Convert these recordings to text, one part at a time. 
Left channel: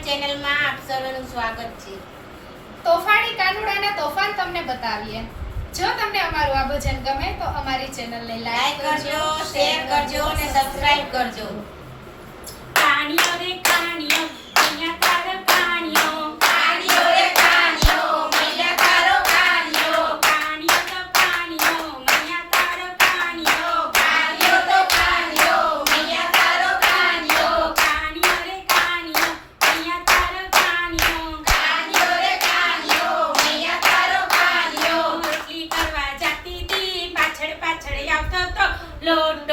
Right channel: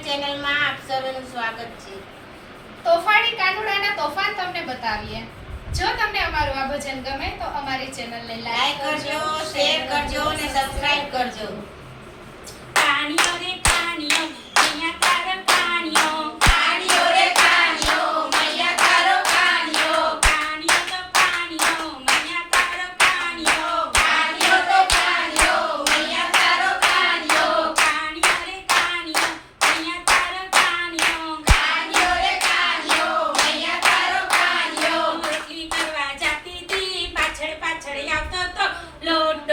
ચેનલમાં આપ સર્વનું સ્વાગત છે. તોફાની કાનુડાના તોફાન તમને બતાવીએ. જો તમને અમારું આ ભજન ગમે તો અમારી ચેનલને લાઈક કરજો શેર કરજો અને સબસ્ક્રાઇબ કરજો કાણીઓ રે કાણીઓ અહીંયા તારો કાણીઓ કાણીઓ રે કાણીઓ મૈયા તારો કાણીઓ કાણીઓ તો કાણીઓ મૈયા તારો કાણીઓ કાણીઓ તો કાણીઓ મૈયા તારો કાણીઓ કાણીઓ રે કાણીઓ અહીંયા તારો કાણીઓ કાણીઓ રે કાણીઓ મૈયા તારો કાણીઓ રોટલી કરવા જાતી હતી પાછળ પાછળ આવતો તો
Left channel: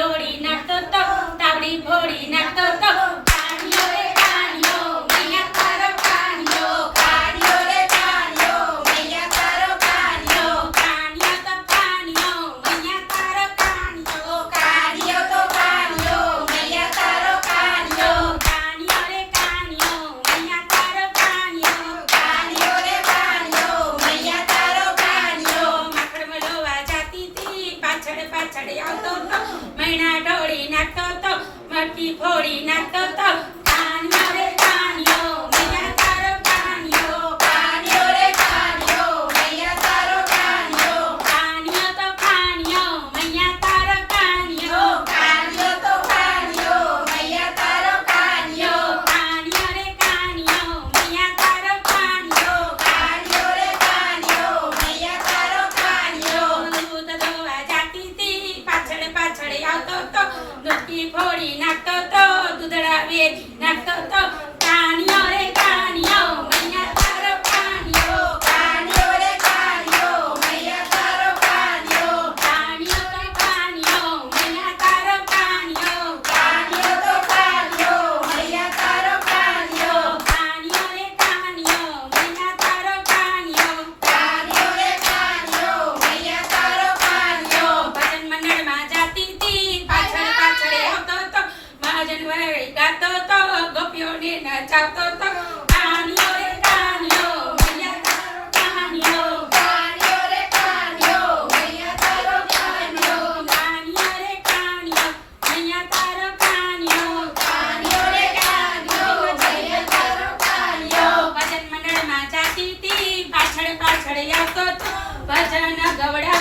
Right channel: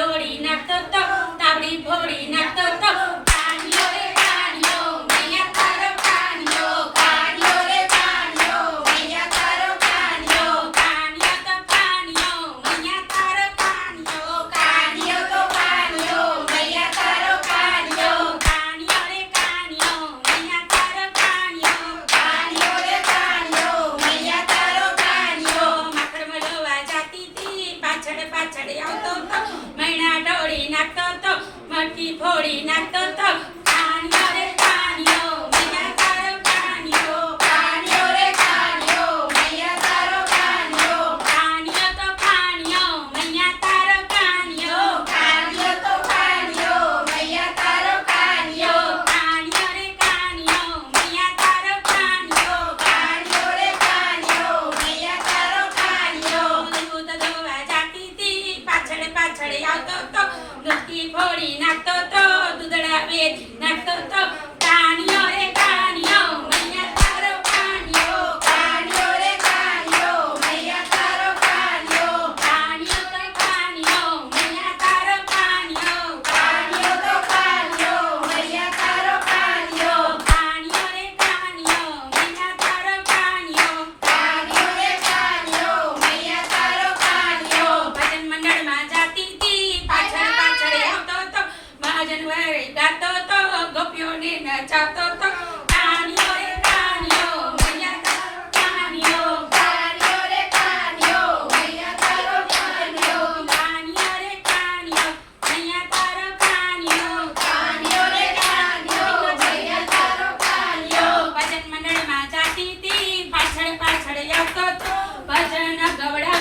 લોટ ડોળી નાખતો તો તાવડી ફોડી નાખતો તો. કાણીઓ રે કાણીઓ મૈયા તારો કાણીઓ કાણીઓ રે કાણીઓ મૈયા તારો કાણીઓ કાણીઓ તો કાણીઓ મૈયા તારો કાણીઓ કાણીઓ તો કાણીઓ મૈયા તારો કાણીઓ કાણીઓ રે કાણીઓ મૈયા તારો પાછળ પાછળ આવતો તો. મૈણા ઢોળી નાખતો તો મટકી ફોડી નાખતો કાણીઓ રે કાણીઓ મૈયા તારો કાણીઓ કાણીઓ રે કાણીઓ મૈયા તારો કાણીઓ કાણીઓ તો કાણીઓ મૈયા તારો કાણીઓ કાણીઓ તો કાણીઓ મૈયા તારો કાણીઓ કાણીઓ રે કાણીઓ મૈયા તારો કાણીઓ કાણીઓ રે કાણીઓ મૈયા તારો કાણીઓ દૂધ દોવા જાતી હતી પાછળ પાછળ આવતો મટકી ફોડી નાખતો તો દૂધડા વેચ નાખતો તો પાછળ પાછળ આવતો છું ભજન ગવડા